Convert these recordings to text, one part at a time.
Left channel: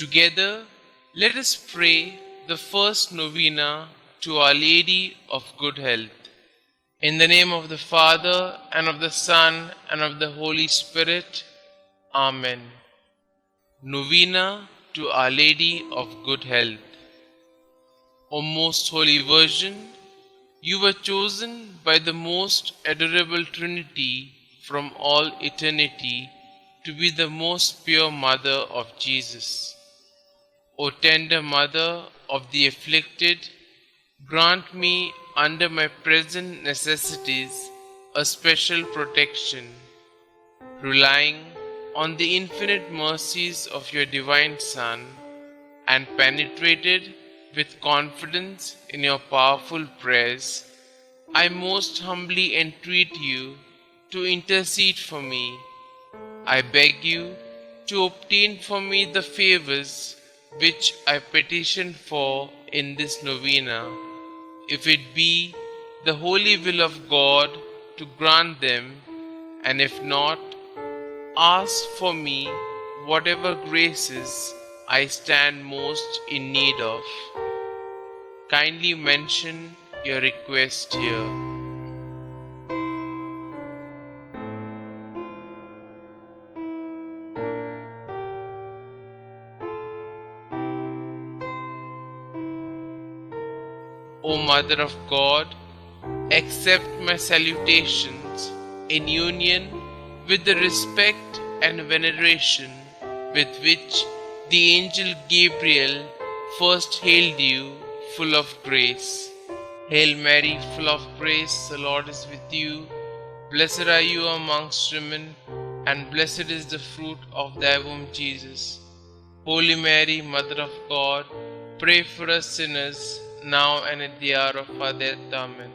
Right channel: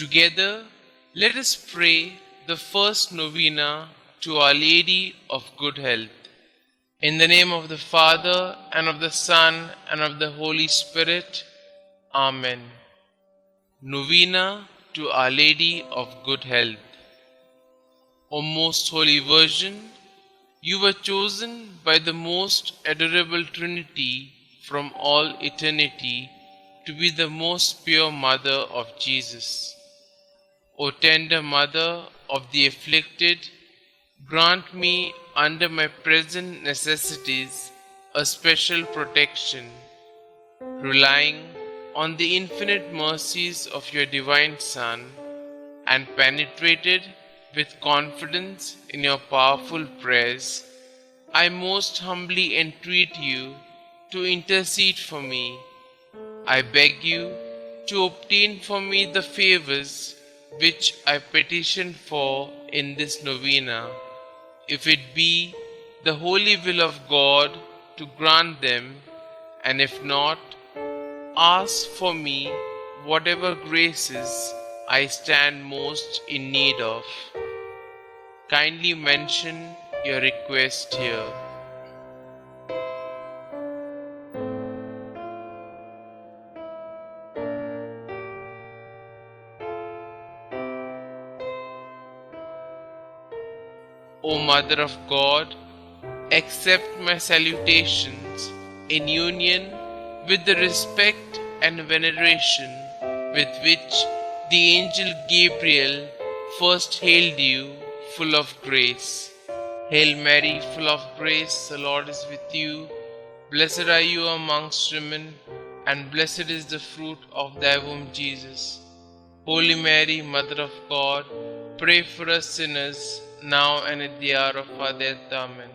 Together, let us pray the first novena to Our Lady of Good Health. In the name of the Father, and of the Son, and of the Holy Spirit. Amen. Novena to Our Lady of Good Health. O Most Holy Virgin, you were chosen by the most adorable Trinity from all eternity to be the most pure Mother of Jesus. O tender Mother of the afflicted, grant me under my present necessities a special protection, relying on the infinite mercies of your divine Son, and penetrated with confidence in your powerful prayers, I most humbly entreat you to intercede for me. I beg you to obtain for me the favors which I petition for in this novena, if it be the holy will of God to grant them, and if not, ask for me whatever graces I stand most in need of. Kindly mention your request here. O Mother of God, accept my salutations in union with the respect and veneration with which the angel Gabriel first hailed you, full of grace. Hail Mary, full of grace, the Lord is with you. Blessed are you amongst women, and blessed is the fruit of thy womb, Jesus. Holy Mary, Mother of God, pray for us sinners, now and at the hour of our death. Amen.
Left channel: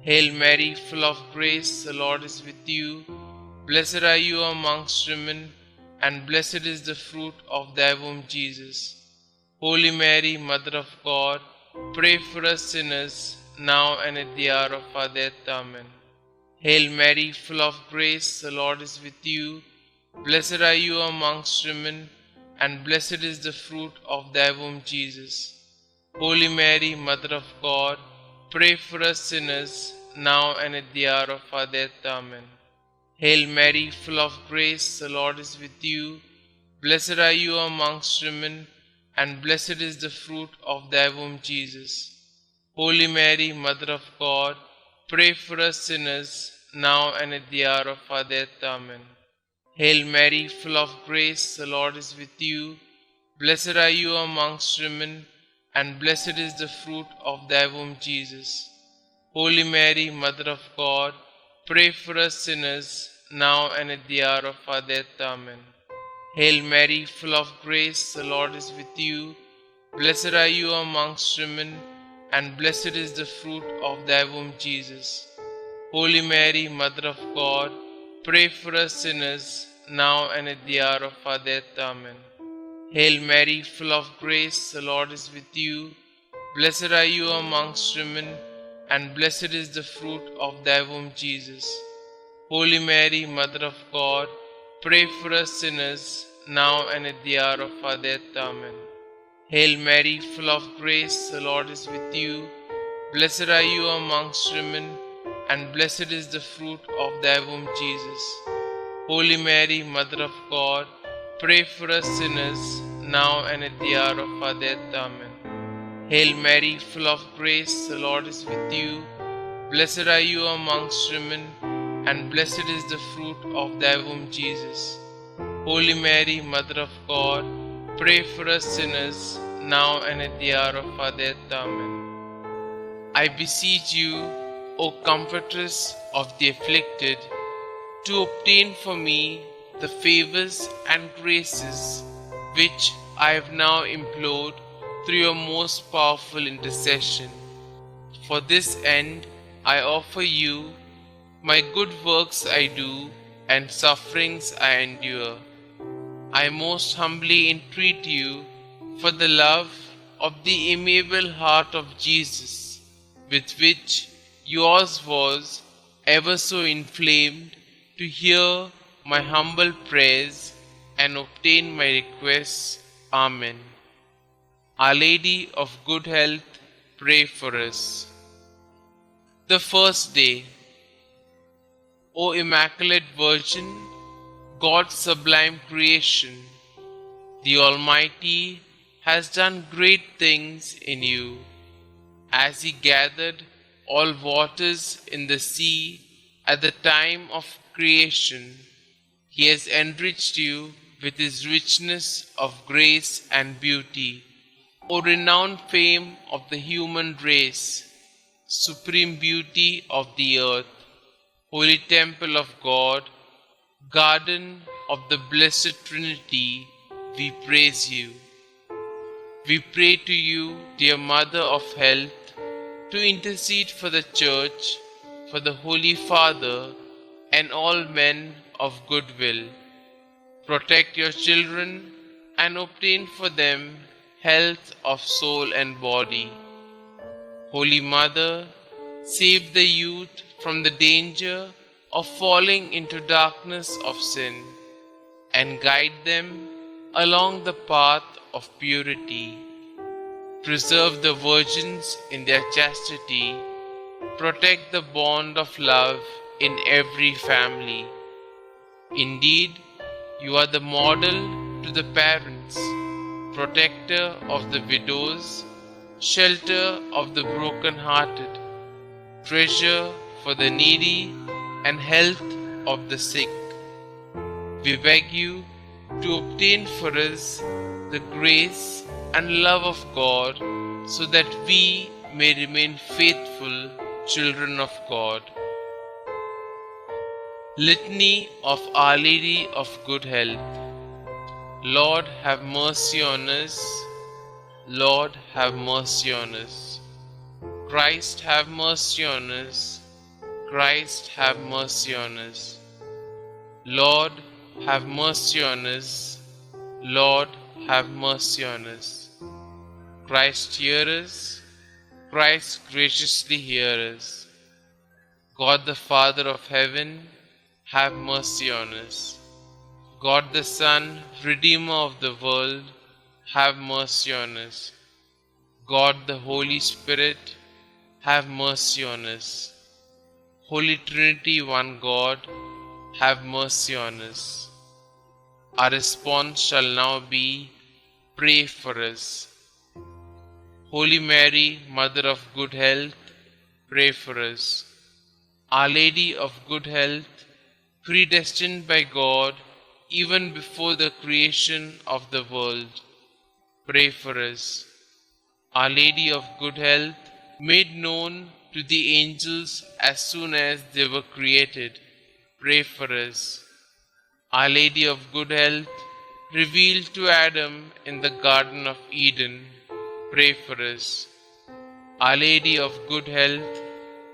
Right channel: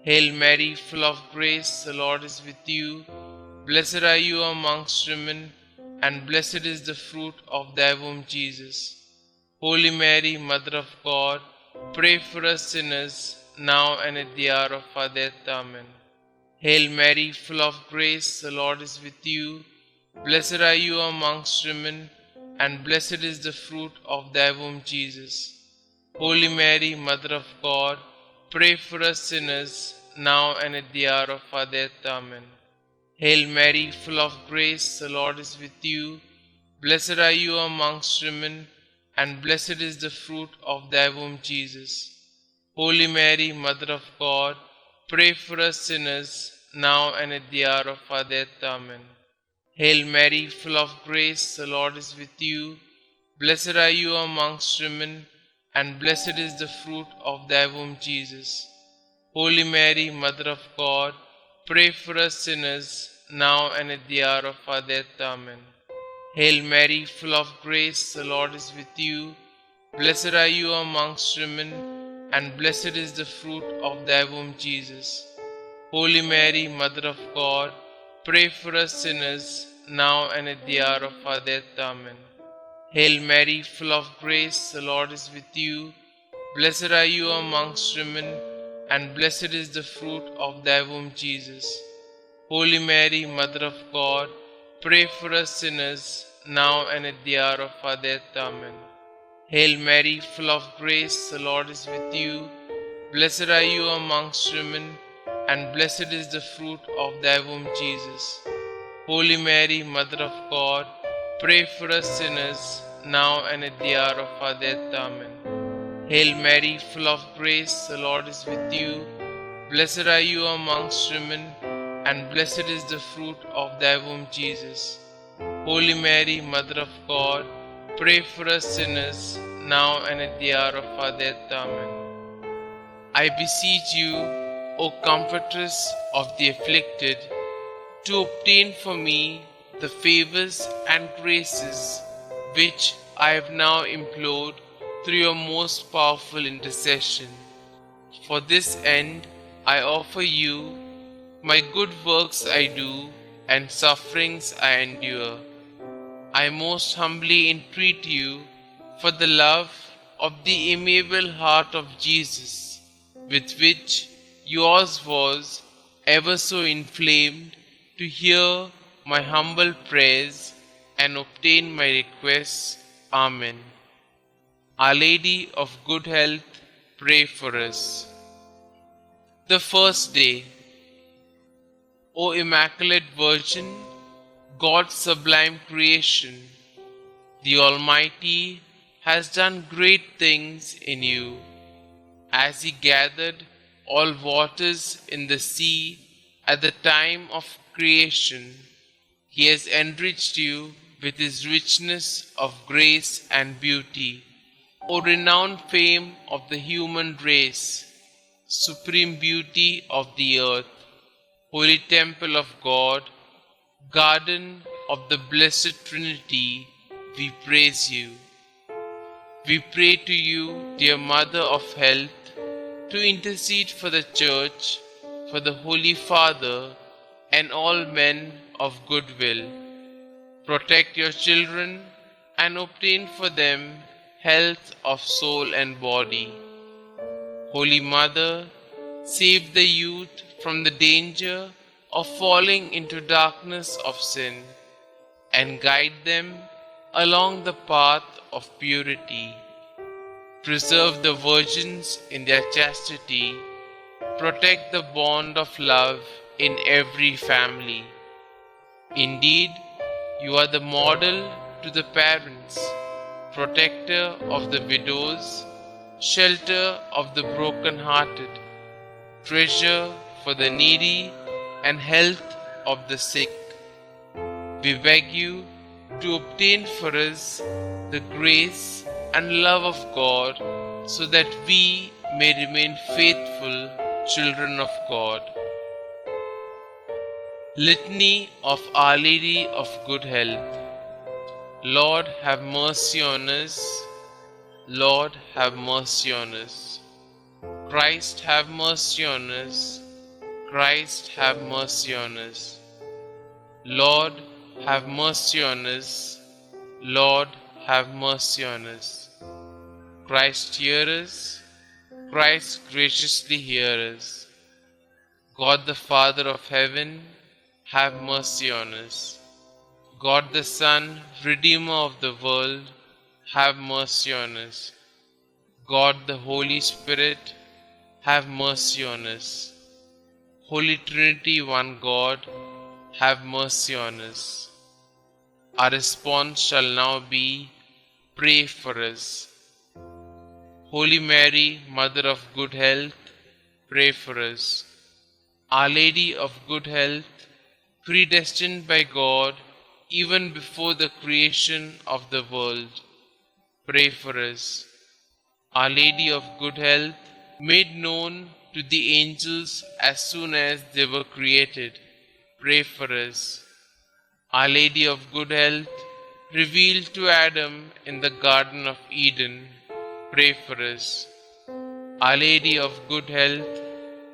Hail Mary, full of grace, the Lord is with you. Blessed are you amongst women, and blessed is the fruit of thy womb, Jesus. Holy Mary, Mother of God, pray for us sinners, now and at the hour of our death. Amen. Hail Mary, full of grace, the Lord is with you. Blessed are you amongst women, and blessed is the fruit of thy womb, Jesus. Holy Mary, Mother of God, pray for us sinners, now and at the hour of our death. Amen. Hail Mary, full of grace, the Lord is with you. Blessed are you amongst women, and blessed is the fruit of thy womb, Jesus. Holy Mary, Mother of God, pray for us sinners, now and at the hour of our death. Amen. Hail Mary, full of grace, the Lord is with you. Blessed are you amongst women, and blessed is the fruit of thy womb, Jesus. Holy Mary, Mother of God, pray for us sinners, now and at the hour of our death. Amen. Hail Mary, full of grace, the Lord is with you. Blessed are you amongst women, and blessed is the fruit of thy womb, Jesus. Holy Mary, Mother of God, pray for us sinners, now and at the hour of our death. Amen. Hail Mary, full of grace, the Lord is with you. Blessed are you amongst women, and blessed is the fruit of thy womb, Jesus. Holy Mary, Mother of God, pray for us sinners, now and at the hour of our death. Amen. Hail Mary, full of grace, the Lord is with you. Blessed are you amongst women, and blessed is the fruit of thy womb, Jesus. Holy Mary, Mother of God, pray for us sinners, now and at the hour of our death. Amen. Hail Mary, full of grace, the Lord is with you. Blessed are you amongst women, and blessed is the fruit of thy womb, Jesus. Holy Mary, Mother of God, pray for us sinners, now and at the hour of our death. Amen. I beseech you, O Comfortress of the afflicted, to obtain for me the favors and graces which I have now implored through your most powerful intercession. For this end I offer you my good works I do and sufferings I endure. I most humbly entreat you for the love of the amiable heart of Jesus, with which yours was ever so inflamed, to hear my humble prayers and obtain my requests Amen. Our Lady of Good Health, pray for us. The first day. O Immaculate Virgin, God's sublime creation, the Almighty has done great things in you. As He gathered all waters in the sea at the time of creation, He has enriched you with His richness of grace and beauty. O renowned fame of the human race, supreme beauty of the earth, Holy Temple of God, Garden of the Blessed Trinity, we praise you. We pray to you, dear Mother of Health, to intercede for the Church, for the Holy Father, and all men of good will. Protect your children and obtain for them health of soul and body. Holy Mother, save the youth from the danger of falling into darkness of sin, and guide them along the path of purity. Preserve the virgins in their chastity. Protect the bond of love in every family. Indeed, you are the model to the parents, protector of the widows, shelter of the broken-hearted, treasure for the needy, and health of the sick. We beg you to obtain for us the grace and love of God, so that we may remain faithful children of God. Litany of Our Lady of Good Health. Lord, have mercy on us. Lord, have mercy on us. Christ, have mercy on us. Christ, have mercy on us. Lord, have mercy on us. Lord, have mercy on us. Christ, hear us. Christ, graciously hear us. God the Father of heaven, have mercy on us. God the Son, Redeemer of the world, have mercy on us. God the Holy Spirit, have mercy on us. Holy Trinity, one God, have mercy on us. Our response shall now be, pray for us. Holy Mary, Mother of Good Health, pray for us. Our Lady of Good Health, predestined by God even before the creation of the world, pray for us. Our Lady of Good Health, made known to the angels as soon as they were created, pray for us. Our Lady of Good Health, revealed to Adam in the Garden of Eden, pray for us. Our Lady of Good Health,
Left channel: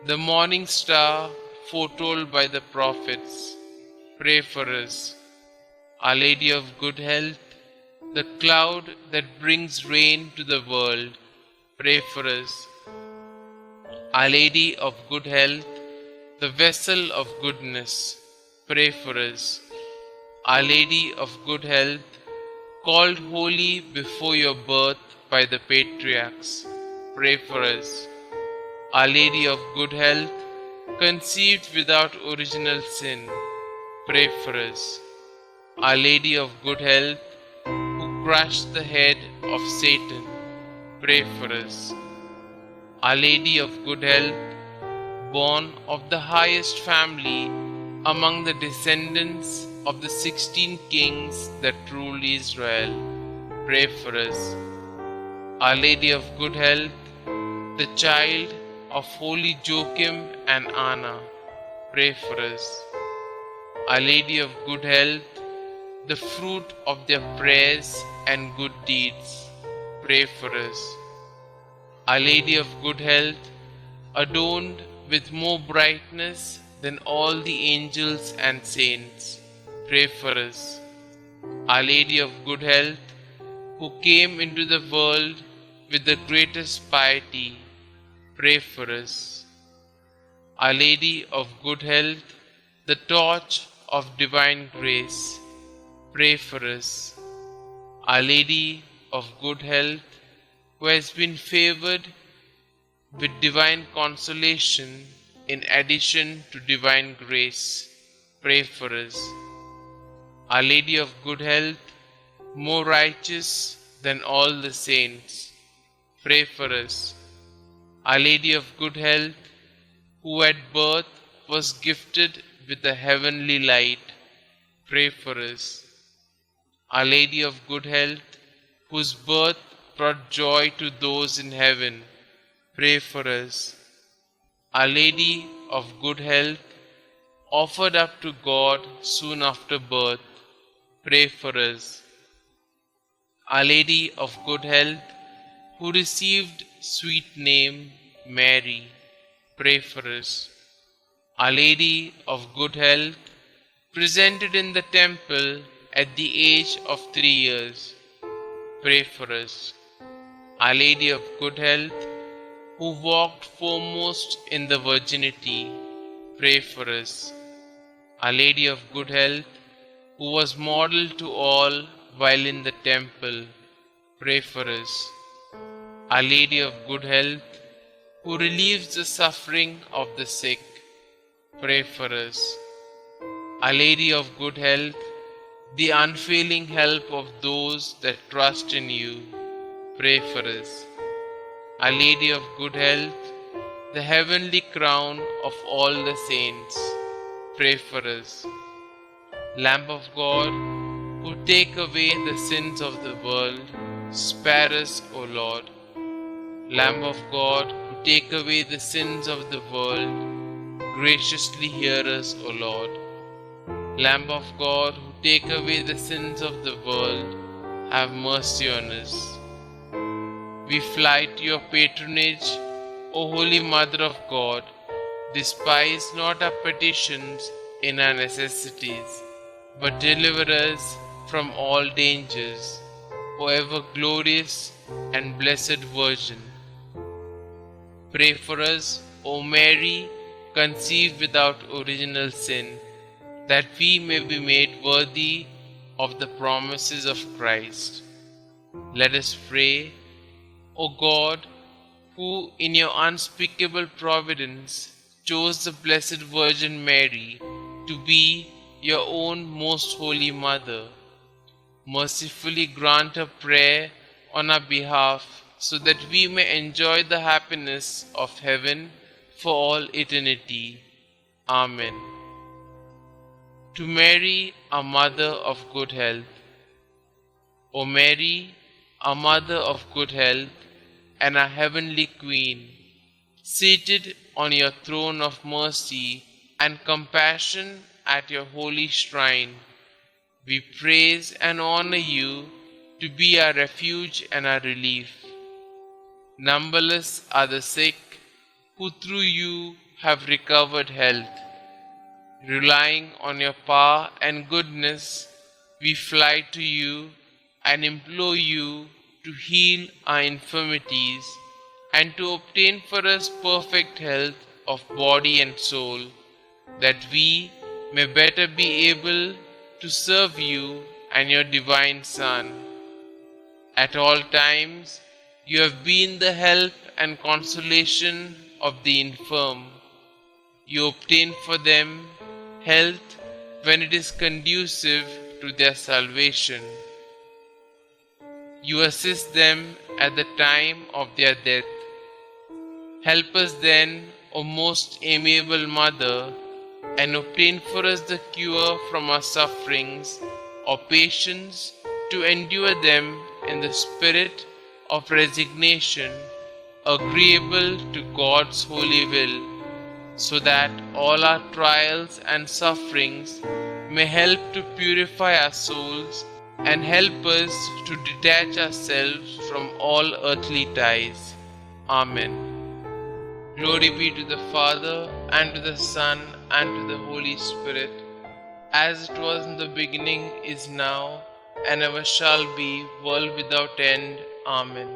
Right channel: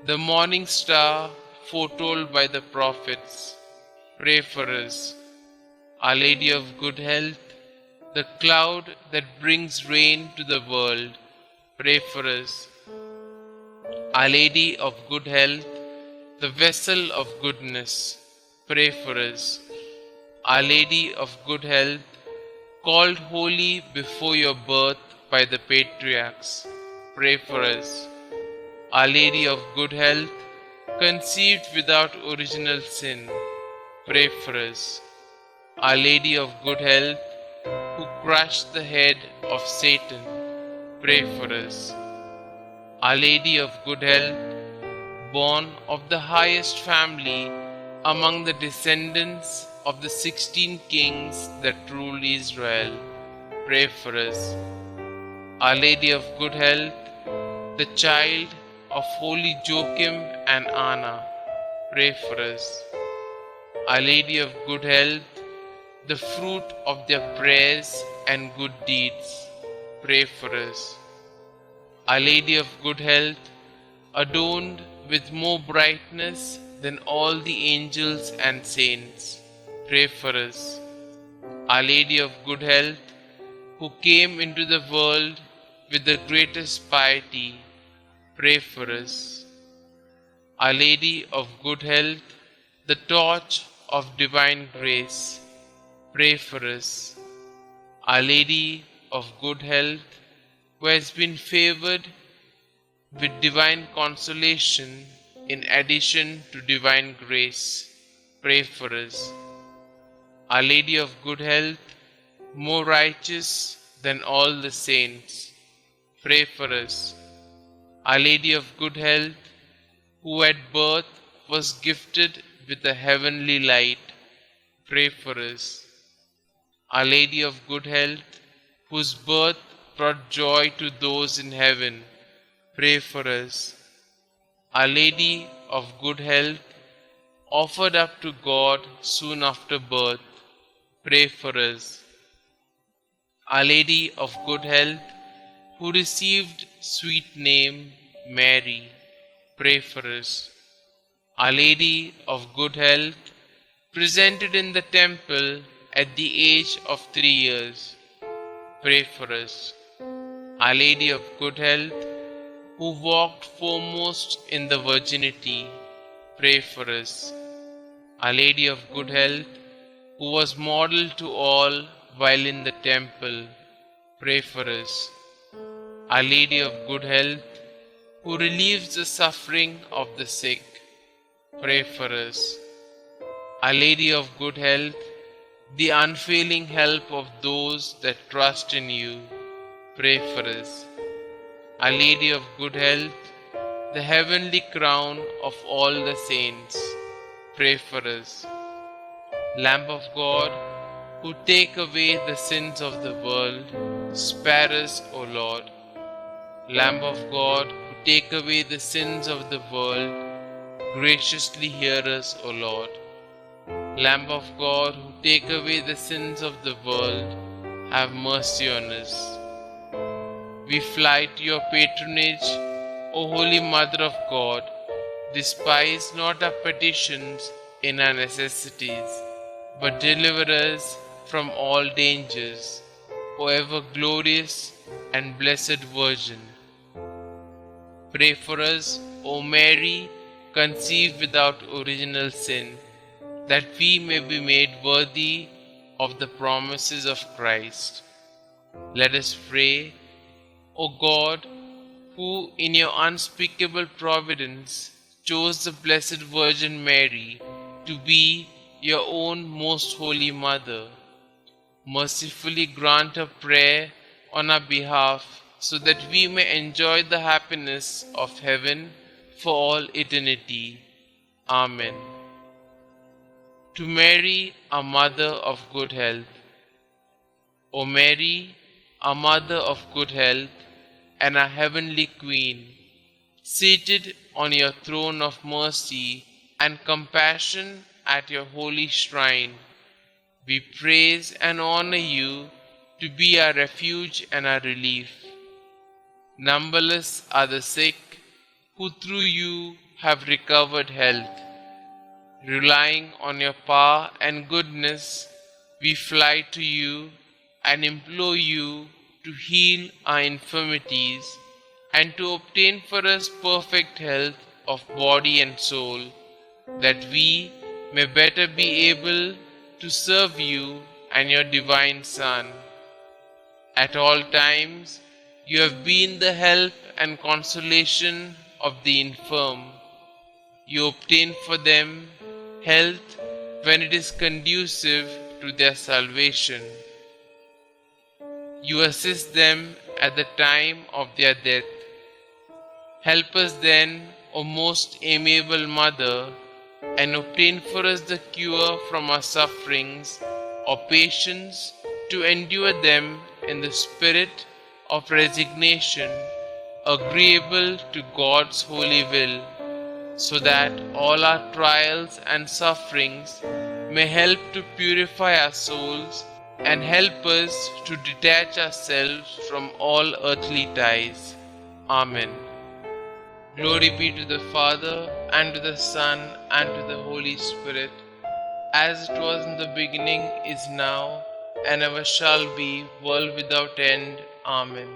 the morning star foretold by the prophets, pray for us. Our Lady of Good Health, the cloud that brings rain to the world, pray for us. Our Lady of Good Health, the vessel of goodness, pray for us. Our Lady of Good Health, called holy before your birth by the patriarchs, pray for us. Our Lady of Good Health, conceived without original sin, pray for us. Our Lady of Good Health, who crushed the head of Satan, pray for us. Our Lady of Good Health, born of the highest family among the descendants of the 16 kings that ruled Israel, pray for us. Our Lady of Good Health, the child of holy Joachim and Anna, pray for us. Our Lady of Good Health, the fruit of their prayers and good deeds, pray for us. Our Lady of Good Health, adorned with more brightness than all the angels and saints, pray for us. Our Lady of Good Health, who came into the world with the greatest piety, pray for us. Our Lady of Good Health, the torch of divine grace, pray for us. Our Lady of Good Health, who has been favored with divine consolation in addition to divine grace, pray for us. Our Lady of Good Health, more righteous than all the saints, pray for us. Our Lady of Good Health, who at birth was gifted with the heavenly light, pray for us. Our Lady of Good Health, whose birth brought joy to those in heaven, pray for us. Our Lady of Good Health, offered up to God soon after birth, pray for us. Our Lady of Good Health, who received sweet name Mary, pray for us. Our Lady of Good Health, presented in the temple at the age of 3 years, pray for us. Our Lady of Good Health, who walked foremost in the virginity, pray for us. Our Lady of Good Health, who was model to all while in the temple, pray for us. Our Lady of Good Health, who relieves the suffering of the sick, pray for us. Our Lady of Good Health, the unfailing help of those that trust in you, pray for us. Our Lady of Good Health, the heavenly crown of all the saints, pray for us. Lamb of God, who take away the sins of the world, spare us, O Lord. Lamb of God, who take away the sins of the world, graciously hear us, O Lord. Lamb of God, who take away the sins of the world, have mercy on us. We fly to your patronage, O Holy Mother of God. Despise not our petitions in our necessities, but deliver us from all dangers, O ever glorious and blessed Virgin. Pray for us, O Mary, conceived without original sin, that we may be made worthy of the promises of Christ. Let us pray. O God, who in your unspeakable providence chose the Blessed Virgin Mary to be your own most holy Mother, mercifully grant a prayer on our behalf, so that we may enjoy the happiness of heaven for all eternity. Amen. To Mary, a Mother of Good Health. O Mary, a Mother of Good Health, and our Heavenly Queen, seated on your throne of mercy and compassion at your holy shrine, we praise and honor you to be our refuge and our relief. Numberless are the sick who through you have recovered health. Relying on your power and goodness, we fly to you and implore you to heal our infirmities and to obtain for us perfect health of body and soul, that we may better be able to serve you and your divine Son. At all times, you have been the help and consolation of the infirm. You obtain for them health when it is conducive to their salvation. You assist them at the time of their death. Help us then, O most amiable Mother, and obtain for us the cure from our sufferings, or patience to endure them in the spirit of resignation, agreeable to God's holy will, so that all our trials and sufferings may help to purify our souls and help us to detach ourselves from all earthly ties. Amen. Glory be to the Father, and to the Son, and to the Holy Spirit, as it was in the beginning, is now, and ever shall be, world without end. Amen.